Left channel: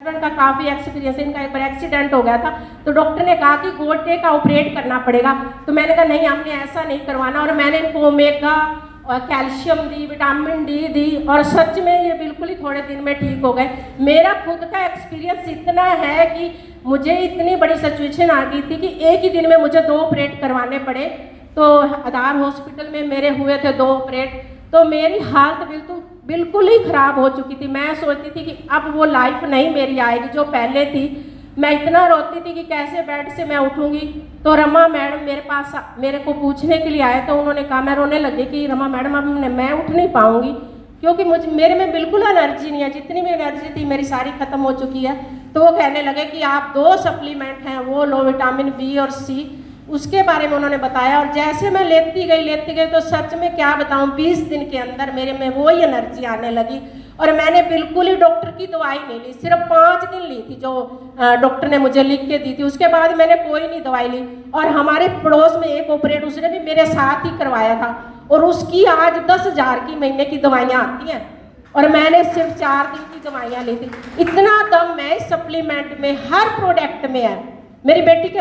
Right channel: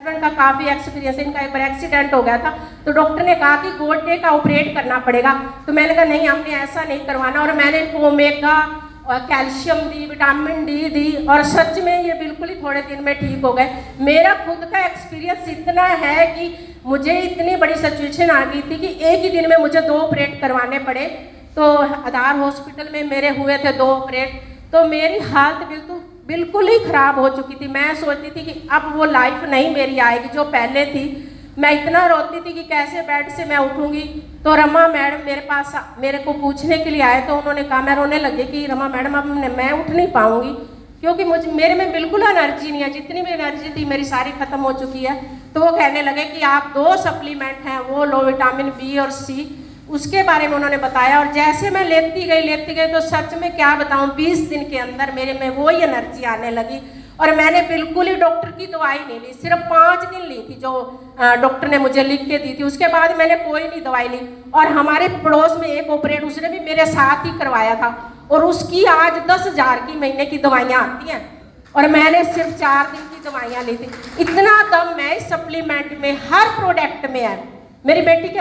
Husband का काफ़ी experience है, इनका एक बार एक्सीडेंट हो गया था तो डॉक्टर ने कहा कि गोड्डे का ऑपरेट करना पड़ेगा। तो मैंने कहा नहीं, हमने ऐसा नहीं करवाना, और मैंने इनको ओमेगा कैल्शियम दी, विटामिन डी दी, और सच में ये बिल्कुल ही थोड़े दिन में ठीक हो गए। मेरा खुद का एक्सपीरियंस इतना है कि मुझे इतनी बड़ी सिचुएशन आ गई थी कि एक ही दिन में मुझे 2 ऑपरेट करवाने पड़े। तो आधार हॉस्पिटल में मेरे हुए थे 2 ऑपरेट, तो मेरी हालत बिल्कुल ही ख़राब हो चुकी थी। मैं सोचती थी कि अब वो लाइफ नहीं मेरी आएगी जो पहले थी। मैं इतना रोती थी कि कैसे बेड से मैं उठूंगी। तो रमा मैडम मेरे पास मेरे को पूछने के लिए आए, तो उन्होंने कहा, मैं रोने लगी कि रमा मैडम अब मैं उठ नहीं पाऊंगी, क्योंकि मेरे में बिल्कुल एनर्जी नहीं है, जितनी भी एनर्जी थी मेरी सारी खत्म हो चुकी है। तो वो कहने लगे कि आप 2 सप्लीमेंट हैं वो लो, विटामिन बी और सी, उसके बारे में उन्होंने बताया। और जैसे मैं लेती गई तो सच में क्या बताऊं, 20 दिन के अंदर मेरे में वही एनर्जी आने लगी। और मैंने बिल्कुल ही डॉक्टर की दवाई नहीं ली, सिर्फ 5 दिन ली थी जो डॉक्टर ने मुझे लिख के दी थी। उसके बाद मैंने कोई नहीं दवाई ली। और हमारे पड़ोस में एक ऑपरेट उसने भी मेरे साथ ही करवाया था, और उसकी आज 10,000 की महीने की दवाइयाँ आती हैं, और मैंने सिर्फ 4 दिन की दवाइयाँ ली थी। इतना दम है इस सप्लीमेंट में, हर प्रोडक्ट में है। मेरी बेटी के